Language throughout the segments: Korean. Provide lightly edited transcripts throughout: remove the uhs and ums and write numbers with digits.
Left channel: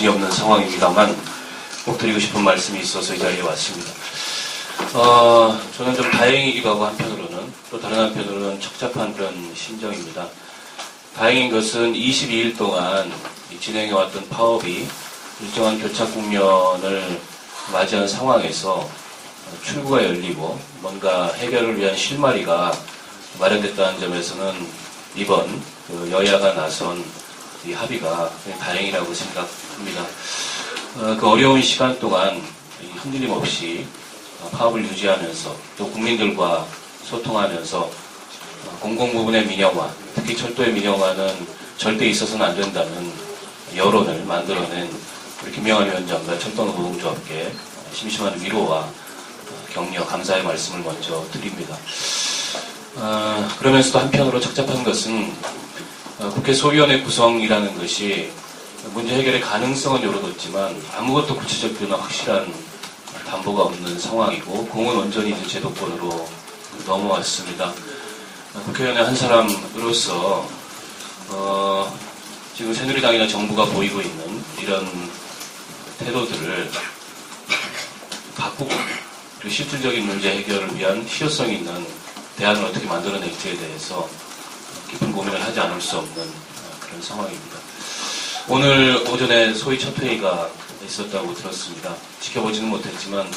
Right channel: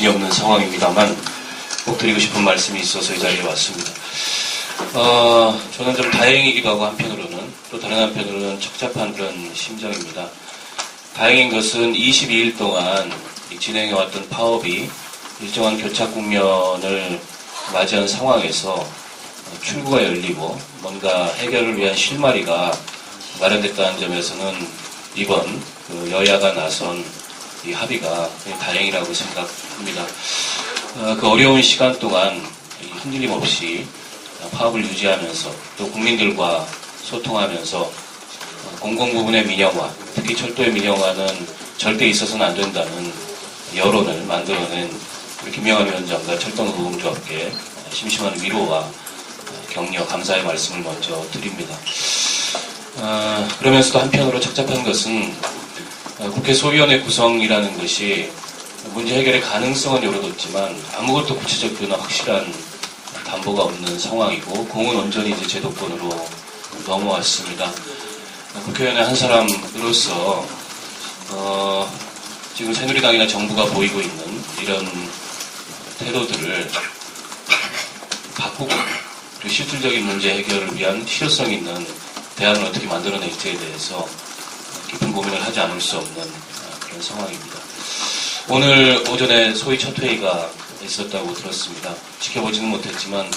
정신이 없는 상황입니다만 꼭 드리고 싶은 말씀이 있어서 이 자리에 왔습니다. 저는 좀 다행이기도 하고 한편으로는 또 다른 한편으로는 척잡한 그런 심정입니다. 다행인 것은 22일 동안 진행해왔던 파업이 일정한 교착 국면을 맞이한 상황에서 출구가 열리고 뭔가 해결을 위한 실마리가 마련됐다는 점에서는 이번 여야가 나선 이 합의가 다행이라고 생각합니다. 그 어려운 시간 동안 흔들림 없이 파업을 유지하면서 또 국민들과 소통하면서 공공부문의 민영화, 특히 철도의 민영화는 절대 있어서는 안 된다는 여론을 만들어낸 우리 김영환 위원장과 철도노동조합께 심심한 위로와 격려, 감사의 말씀을 먼저 드립니다. 그러면서도 한편으로 척잡한 것은 국회 소위원회 구성이라는 것이 문제 해결의 가능성은 열어뒀지만 아무것도 구체적이나 확실한 담보가 없는 상황이고 공은 온전히 이제 제도권으로 넘어왔습니다. 국회의원의 한 사람으로서 지금 새누리당이나 정부가 보이고 있는 이런 태도들을 바꾸고 그리고 실질적인 문제 해결을 위한 실효성 있는 대안을 어떻게 만들어낼지에 대해서 깊은 고민을 하지 않을 수 없는 그런 상황입니다. 오늘 오전에 소위 첫 회의가 있었다고 들었습니다. 지켜보지는 못했지만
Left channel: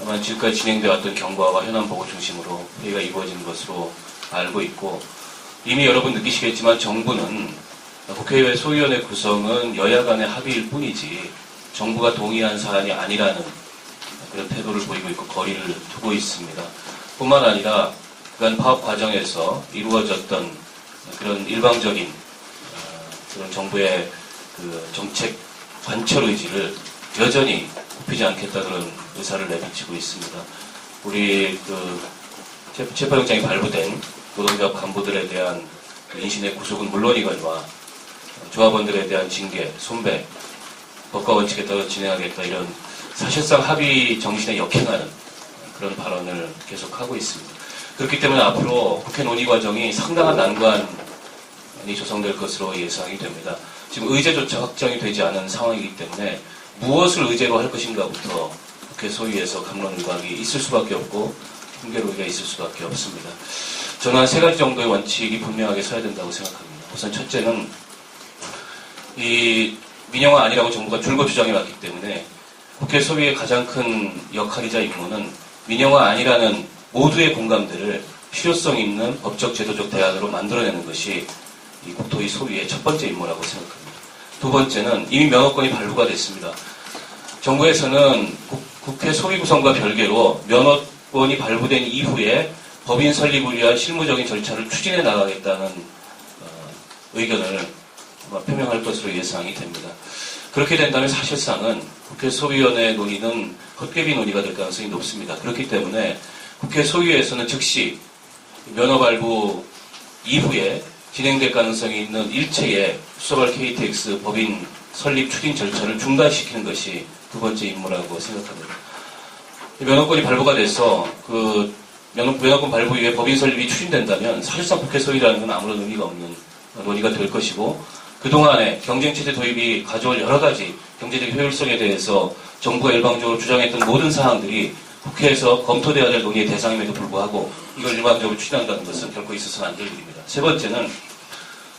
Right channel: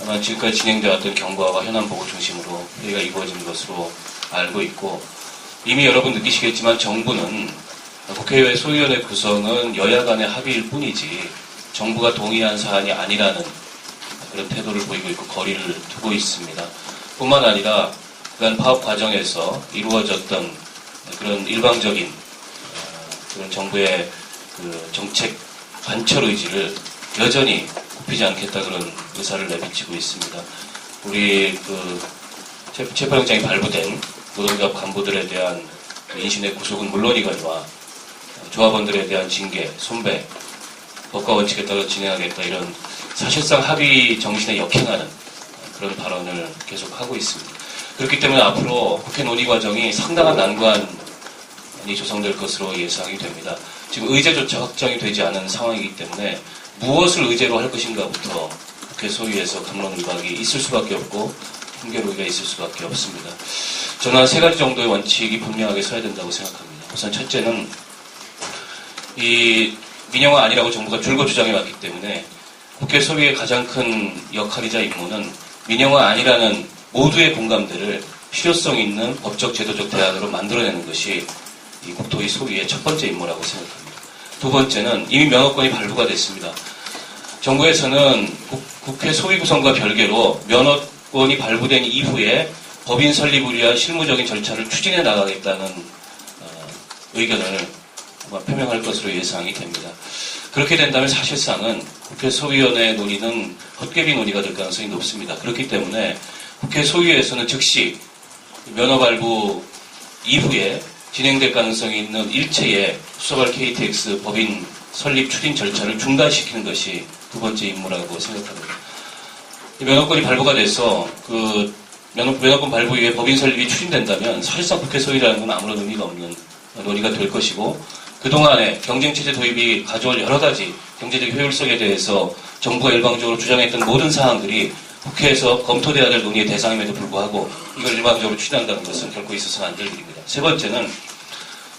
아마 지금까지 진행되었던 경과와 현안 보고 중심으로 회의가 이루어진 것으로 알고 있고 이미 여러분 느끼시겠지만 정부는 국회의회 소위원회 구성은 여야 간의 합의일 뿐이지 정부가 동의한 사안이 아니라는 그런 태도를 보이고 있고 거리를 두고 있습니다. 뿐만 아니라 그간 파업 과정에서 이루어졌던 그런 일방적인 그런 정부의 그 정책 관철 의지를 여전히 굽히지 않겠다 그런 의사를 내비치고 있습니다. 우리 체포영장이 발부된 노동조합 간부들에 대한 인신의 구속은 물론이거니와 조합원들에 대한 징계, 손배, 법과 원칙에 따라 진행하겠다 이런 사실상 합의 정신에 역행하는 그런 발언을 계속하고 있습니다. 그렇기 때문에 앞으로 국회 논의 과정이 상당한 난관이 조성될 것으로 예상이 됩니다. 지금 의제조차 확정이 되지 않은 상황이기 때문에 무엇을 의제로 할 것인가부터 국회 소위에서 갑론을박이 있을 수밖에 없고 훈계로기가 있을 수밖에 없습니다. 저는 한 세 가지 정도의 원칙이 분명하게 서야 된다고 생각합니다. 우선 첫째는 이 민영화 아니라고 정부가 줄곧 주장해왔기 때문에 국회 소위의 가장 큰 역할이자 임무는 민영화 아니라는 모두의 공감대를 실효성 있는 법적 제도적 대안으로 만들어내는 것이 이 국토위 소위의 첫 번째 임무라고 생각합니다. 두 번째는 이미 면허권이 발부가 됐습니다. 정부에서는 국회 소위 구성과 별개로 면허권이 발부된 이후에 법인 설립을 위한 실무적인 절차를 추진해 나가겠다는 의견을 표명할 것으로 예상이 됩니다. 그렇게 된다면 사실상은 국회 소위원회 논의는 헛개비 논의가 될 가능성이 높습니다. 그렇기 때문에 국회 소위에서는 즉시 면허 발부 이후에 진행될 가능성이 있는 일체의 수서발 KTX 법인 설립 추진 절차를 중단시키는 것이 두 번째 임무라고 생각합니다. 이 면허권이 발부가 돼서 면허권 발부 이후에 법인 설립이 추진된다면 사실상 국회 소위라는 건 아무런 의미가 없는 논의가 될 것이고 그동안에 경쟁체제 도입이 가져올 여러 가지 경제적 효율성에 대해서 정부가 일방적으로 주장했던 모든 사항들이 국회에서 검토되어야 될 논의의 대상임에도 불구하고 이걸 일방적으로 추진한다는 것은 결코 있어서는 안 될 일입니다. 세 번째는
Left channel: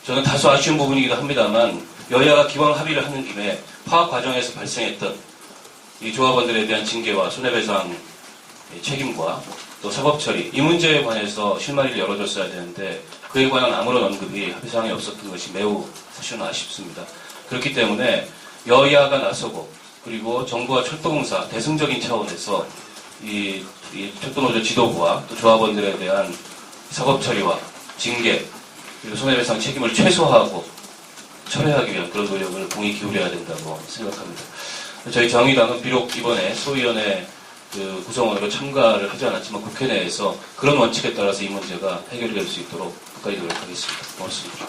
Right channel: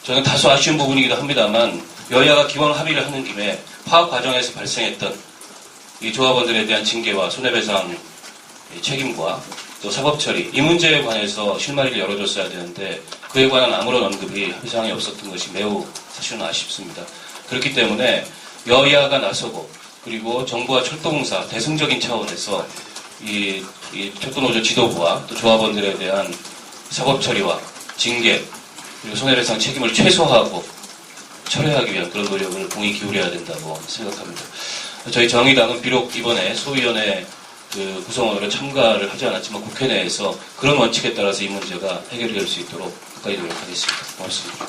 저는 다소 아쉬운 부분이기도 합니다만 여야가 기본 합의를 하는 김에 파업 과정에서 발생했던 이 조합원들에 대한 징계와 손해배상 책임과 또 사법처리 이 문제에 관해서 실마리를 열어줬어야 되는데 그에 관한 아무런 언급이 합의사항에 없었던 것이 매우 사실은 아쉽습니다. 그렇기 때문에 여야가 나서고 그리고 정부와 철도공사 대승적인 차원에서 이 철도노조 지도부와 또 조합원들에 대한 사법처리와 징계 그리고 손해배상 책임을 최소화하고 철회하기 위한 그런 노력을 공히 기울여야 된다고 생각합니다. 저희 정의당은 비록 이번에 소위원회 구성원으로 참가를 하지 않았지만 국회 내에서 그런 원칙에 따라서 이 문제가 해결이 될 수 있도록 끝까지 노력하겠습니다. 고맙습니다.